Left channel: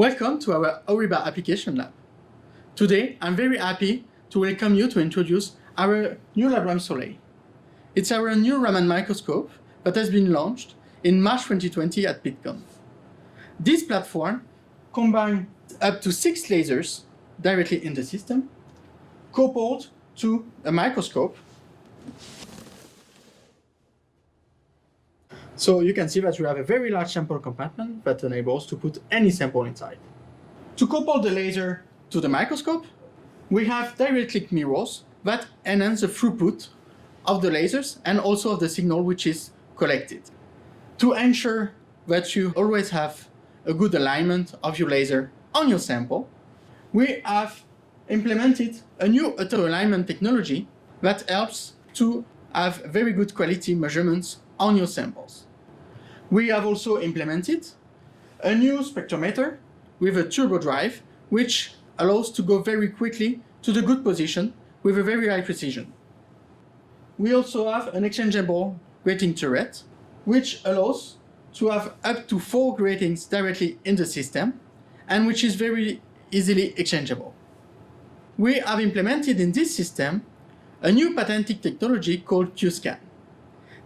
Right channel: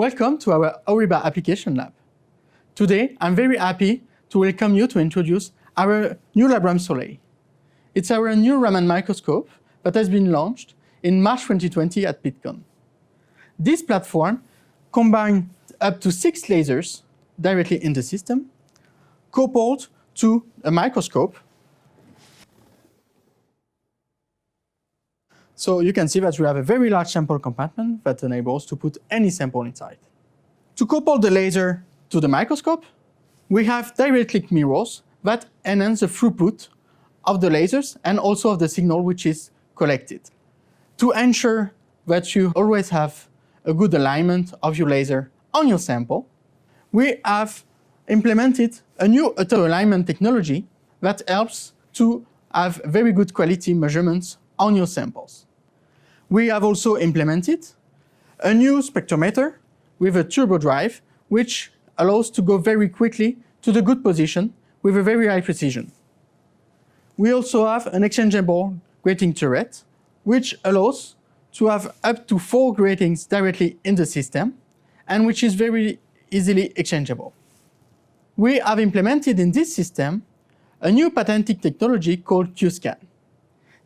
Welcome to our HORIBA application lab. Today, I'm very happy to welcome you to introduce our new LabRam Soleil. It's our new Raman microscope that has been launched in March 2020 at PitCon. This platform combines up to 6 lasers directly in the system, coupled to a microscope. So you can see that we have a very large sample compartment that enables to put any sample inside. To couple the laser to the microscope, we have direct click mirrors that enhance the throughput of the lasers and also of the signal which is collected. To ensure that you always have a good alignment of your laser on your sample, we have implemented a new auto-alignment technology that helps to have very good quality measurements on your samples. We have also implemented a new spectrometer with a turbo drive, which allows to go very quickly to the good position with a very high precision. We also have an exchangeable grating turret, which allows to have up to 4 gratings directly in the system, and which is very easily exchangeable. We have implemented in this system a new patented technology called Q-scan.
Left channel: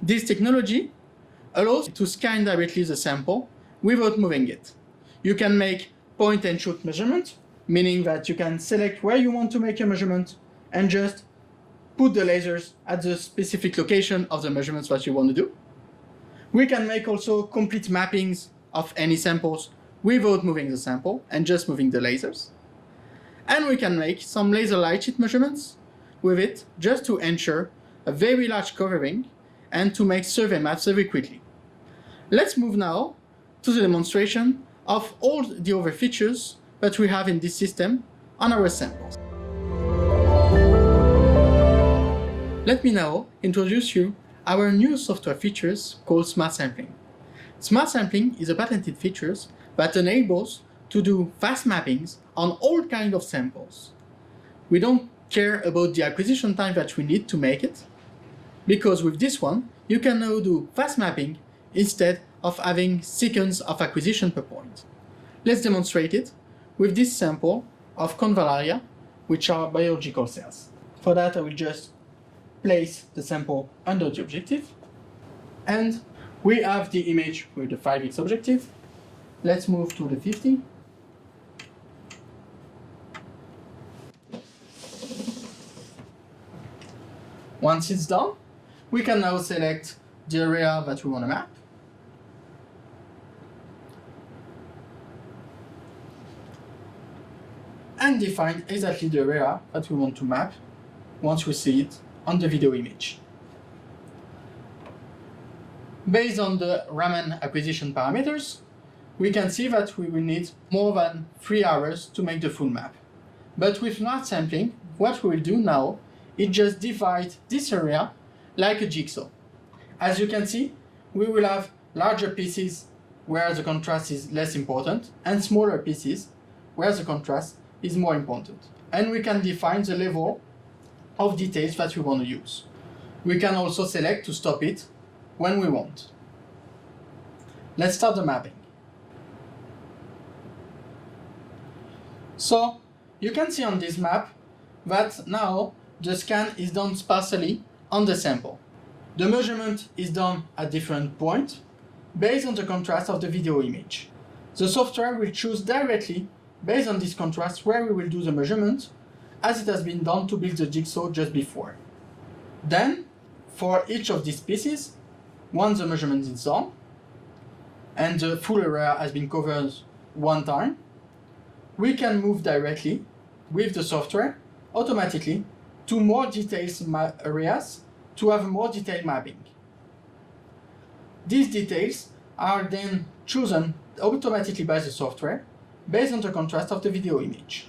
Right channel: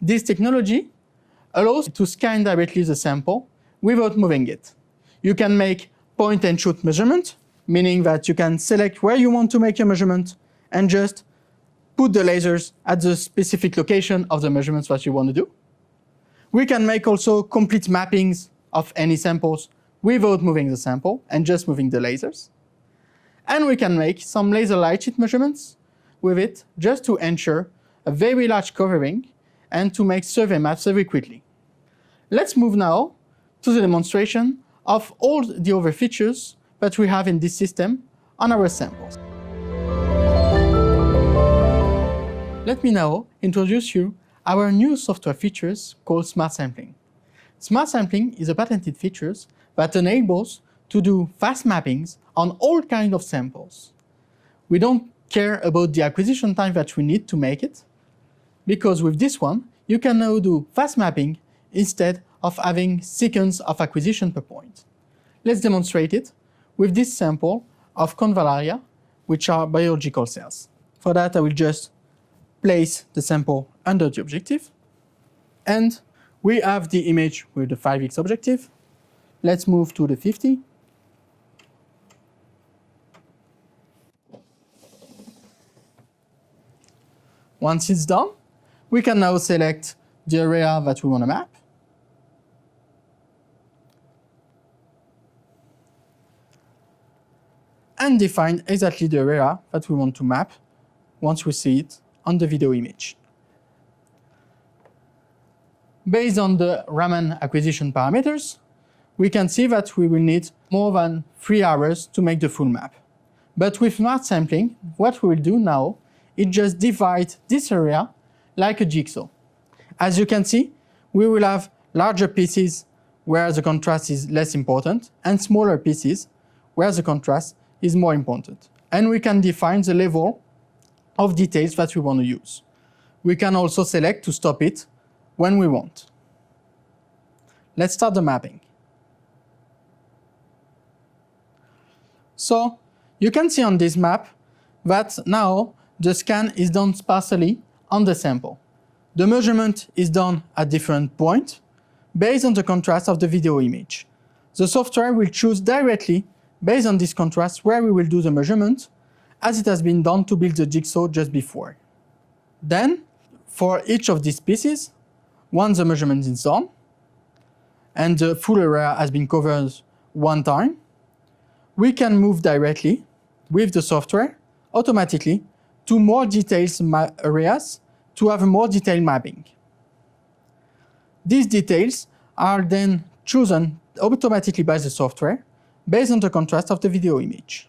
This technology allows to scan directly the sample without moving it. You can make point and shoot measurement, meaning that you can select where you want to make a measurement and just put the lasers at the specific location of the measurements that you want to do. We can make also complete mappings of any samples without moving the sample and just moving the lasers. And we can make some laser light sheet measurements with it just to ensure a very large covering and to make survey maps very quickly. Let's move now to the demonstration of all the other features that we have in this system on our samples. Let me now introduce you our new software features called Smart Sampling. Smart Sampling is a patented feature that enables to do fast mappings on all kinds of samples. We don't care about the acquisition time that we need to make it, because with this one, you can now do fast mapping instead of having seconds of acquisition per point. Let's demonstrate it with this sample of convallaria, which are biological cells. For that, I will just place the sample under the objective. And we have the image with the 5x objective. Let's move to the 50. Once it's done, we can now select the area that we want to map. And define exactly the area that we want to map once we see it on the video image. Based on the Raman acquisition parameters, we can see that we will need more than 3 hours to make the full map. But with smart sampling, what we will do now is just divide this area like a jigsaw. As you can see, we will have larger pieces where the contrast is less important and smaller pieces where the contrast is more important. And we can define the level of details that we want to use. We can also select to stop it when we want. Let's start the mapping. So you can see on this map that now the scan is done sparsely on the sample. The measurement is done at different points based on the contrast of the video image. The software will choose directly based on this contrast where we will do the measurement, as it has been done to build the jigsaw just before. Then, for each of these pieces, once the measurement is done, and the full area has been covered one time, we can move directly with the software automatically to more detailed areas to have a more detailed mapping. These details are then chosen automatically by the software based on the contrast of the video image.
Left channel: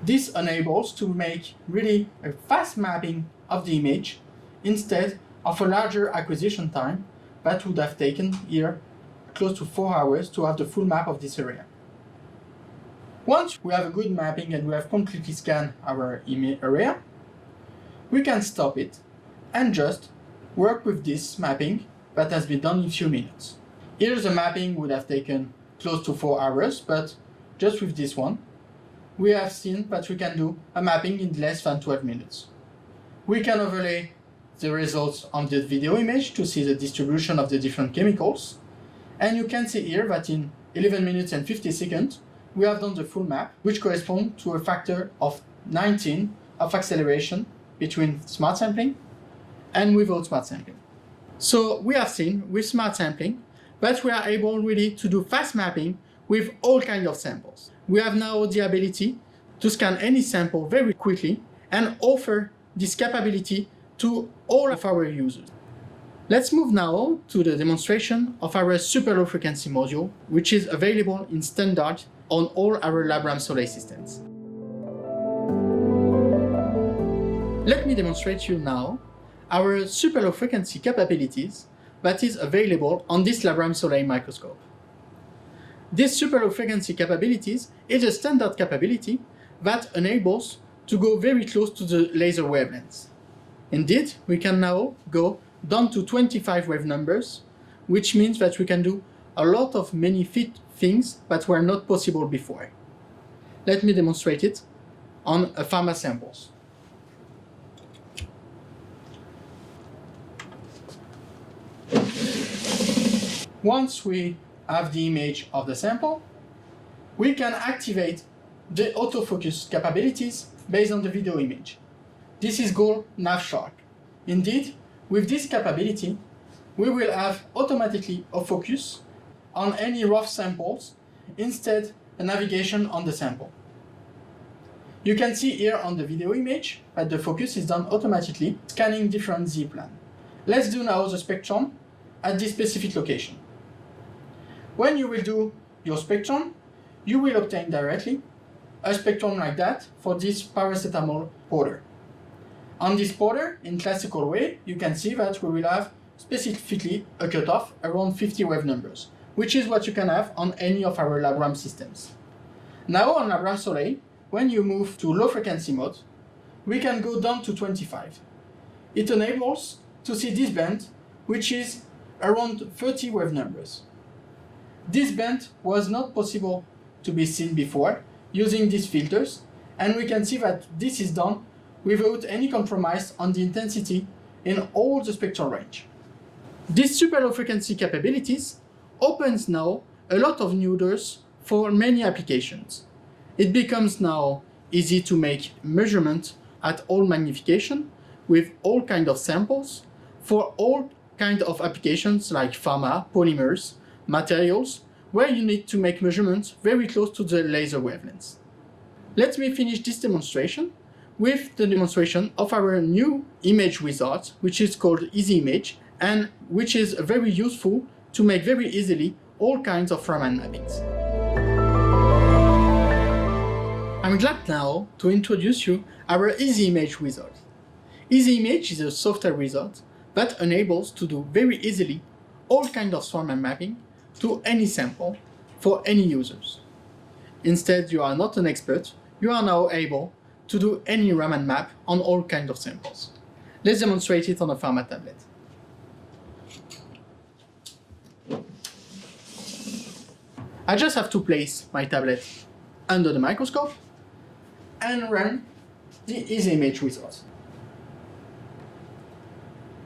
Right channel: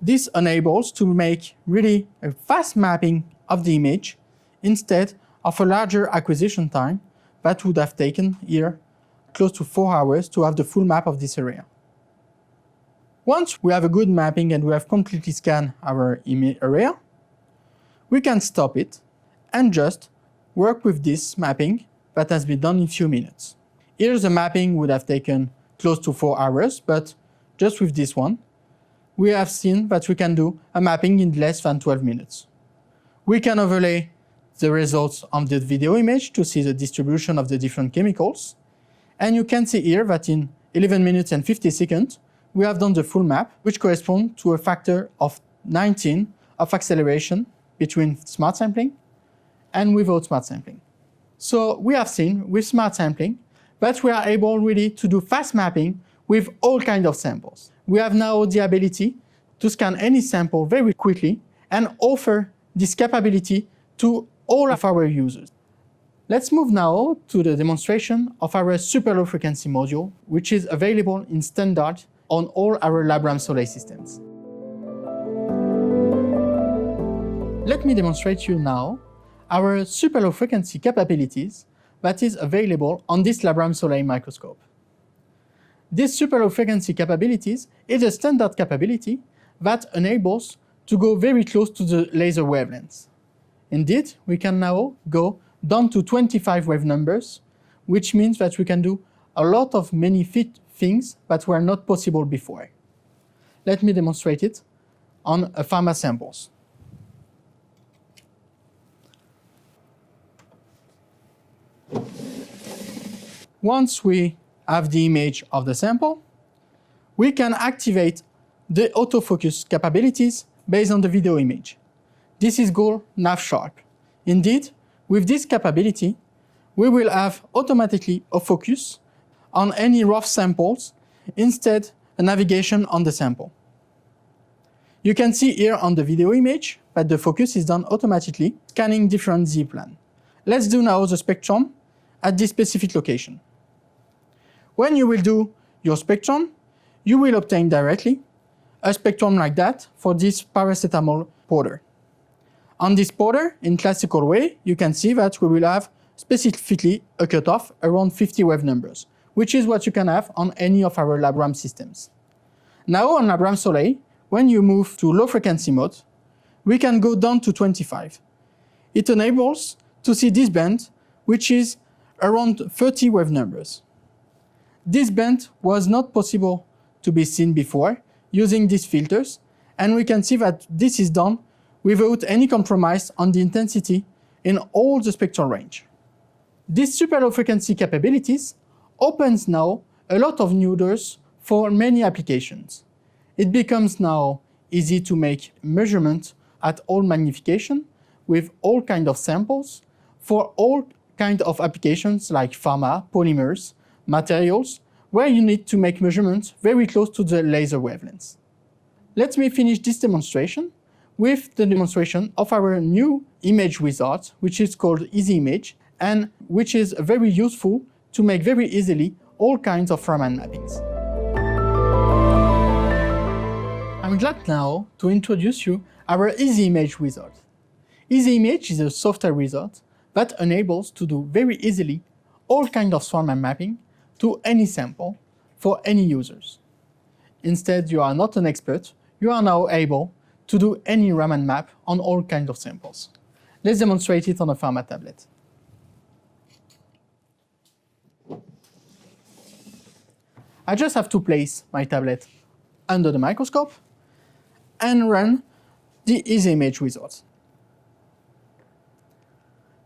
This enables to make really a fast mapping of the image instead of a larger acquisition time that would have taken here close to 4 hours to have the full map of this area. Once we have a good mapping and we have completely scanned our area, we can stop it and just work with this mapping that has been done in a few minutes. Here the mapping would have taken close to 4 hours, but just with this one, we have seen that we can do a mapping in less than 12 minutes. We can overlay the results on the video image to see the distribution of the different chemicals. And you can see here that in 11 minutes and 50 seconds, we have done the full map, which corresponds to a factor of 19 of acceleration between smart sampling and without smart sampling. So we have seen with smart sampling that we are able really to do fast mapping with all kinds of samples. We have now the ability to scan any sample very quickly and offer this capability to all of our users. Let's move now to the demonstration of our super low frequency module, which is available in standard on all our LabRam Soleil systems. Let me demonstrate you now our super low frequency capabilities that is available on this LabRam Soleil microscope. This super low frequency capabilities is a standard capability that enables to go very close to the laser wavelengths. Indeed, we can now go down to 25 wave numbers, which means that we can do a lot of many things that were not possible before. Let me demonstrate it on a pharma samples. Once we have the image of the sample, we can activate the autofocus capabilities based on the video image. This is called nav-sharp. Indeed, with this capability, we will have automatically a focus on any rough samples, instead a navigation on the sample. You can see here on the video image that the focus is done automatically, scanning different Z-plan. Let's do now the spectrum at this specific location. When you will do your spectrum, you will obtain directly a spectrum like that for this paracetamol powder. On this powder, in classical way, you can see that we will have specifically a cutoff around 50 wave numbers, which is what you can have on any of our LabRam systems. Now on LabRam Soleil, when you move to low frequency mode, we can go down to 25. It enables to see this band, which is around 30 wave numbers. This band was not possible to be seen before using these filters, and we can see that this is done without any compromise on the intensity in all the spectral range. This super low frequency capabilities opens now a lot of new doors for many applications. It becomes now easy to make measurements at all magnification with all kinds of samples for all kinds of applications like pharma, polymers, materials, where you need to make measurements very close to the laser wavelengths. Let me finish this demonstration with the demonstration of our new image wizard, which is called Easy Image, and which is very useful to make very easily all kinds of Raman mappings. I'm glad now to introduce you our Easy Image wizard. Easy Image is a software wizard that enables to do very easily all kinds of Raman mapping to any sample for any users. Instead, you are not an expert, you are now able to do any Raman map on all kinds of samples. Let's demonstrate it on a pharma tablet. I just have to place my tablet under the microscope and run the Easy Image wizard.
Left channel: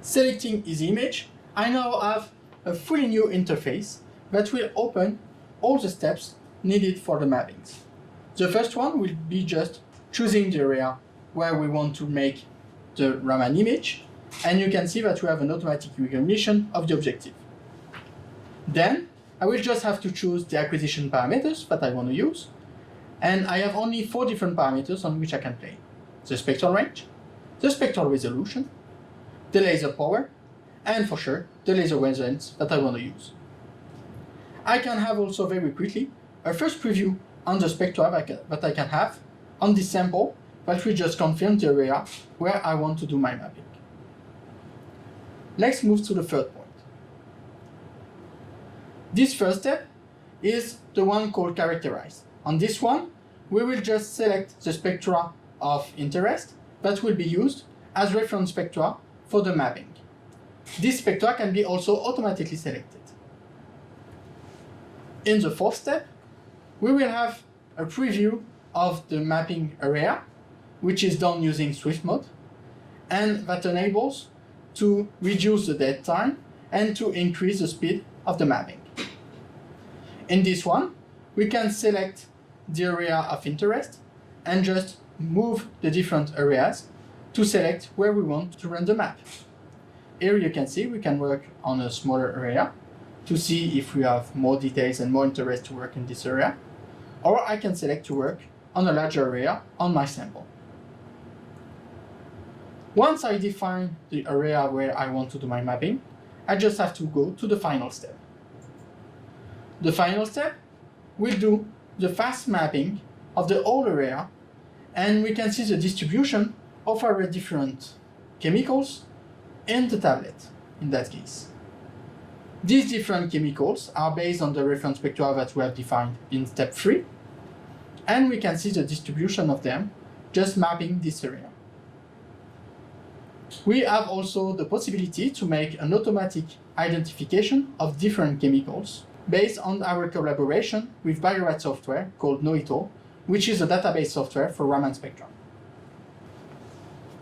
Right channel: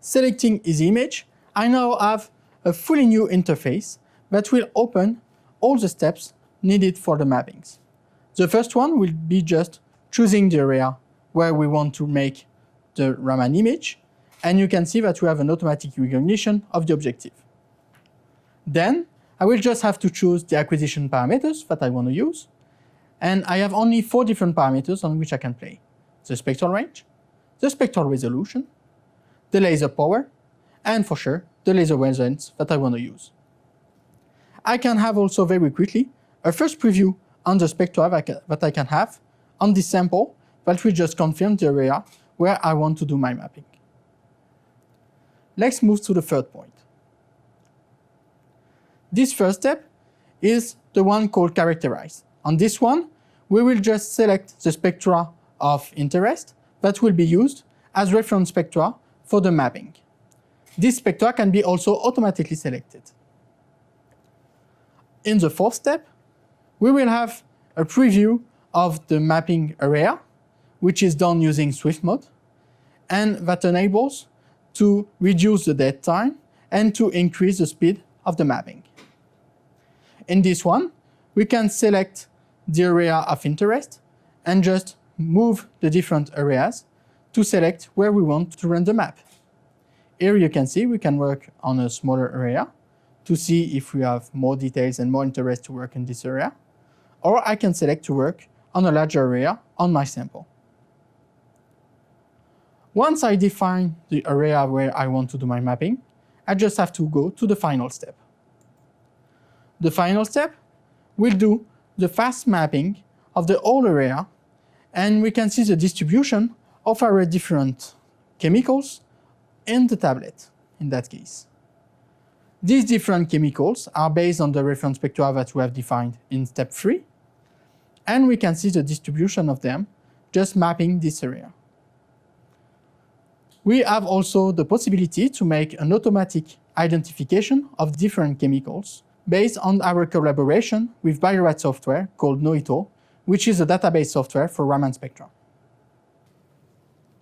Selecting Easy Image, I now have a fully new interface that will open all the steps needed for the mappings. The first one will be just choosing the area where we want to make the Raman image, and you can see that we have an automatic recognition of the objective. Then I will just have to choose the acquisition parameters that I want to use, and I have only 4 different parameters on which I can play: the spectral range, the spectral resolution, the laser power, and for sure the laser wavelengths that I want to use. I can have also very quickly a first preview on the spectra that I can have on this sample that will just confirm the area where I want to do my mapping. Let's move to the third point. This first step is the one called characterize. On this one, we will just select the spectra of interest that will be used as reference spectra for the mapping. This spectra can be also automatically selected. In the fourth step, we will have a preview of the mapping area, which is done using Swift mode, and that enables to reduce the dead time and to increase the speed of the mapping. In this one, we can select the area of interest and just move the different areas to select where we want to run the map. Here you can see we can work on a smaller area to see if we have more details and more interest to work in this area, or I can select to work on a larger area on my sample. Once I define the area where I want to do my mapping, I just have to go to the final step. The final step will do the fast mapping of the whole area, and we can see the distribution of our different chemicals in the tablet in that case. These different chemicals are based on the reference spectra that we have defined in step 3, and we can see the distribution of them just mapping this area. We have also the possibility to make an automatic identification of different chemicals based on our collaboration with Bio-Rad software called Noito, which is a database software for Raman spectrum.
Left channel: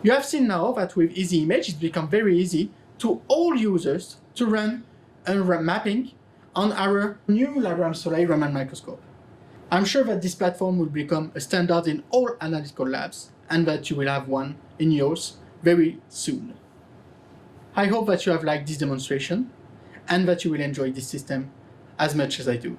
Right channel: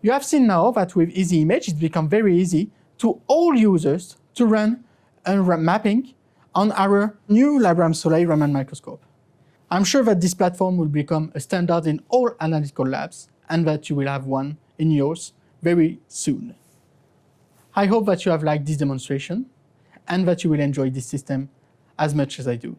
You have seen now that with Easy Image, it's become very easy to all users to run a mapping on our new LabRam Soleil Raman microscope. I'm sure that this platform will become a standard in all analytical labs and that you will have one in yours very soon. I hope that you have liked this demonstration and that you will enjoy this system as much as I do.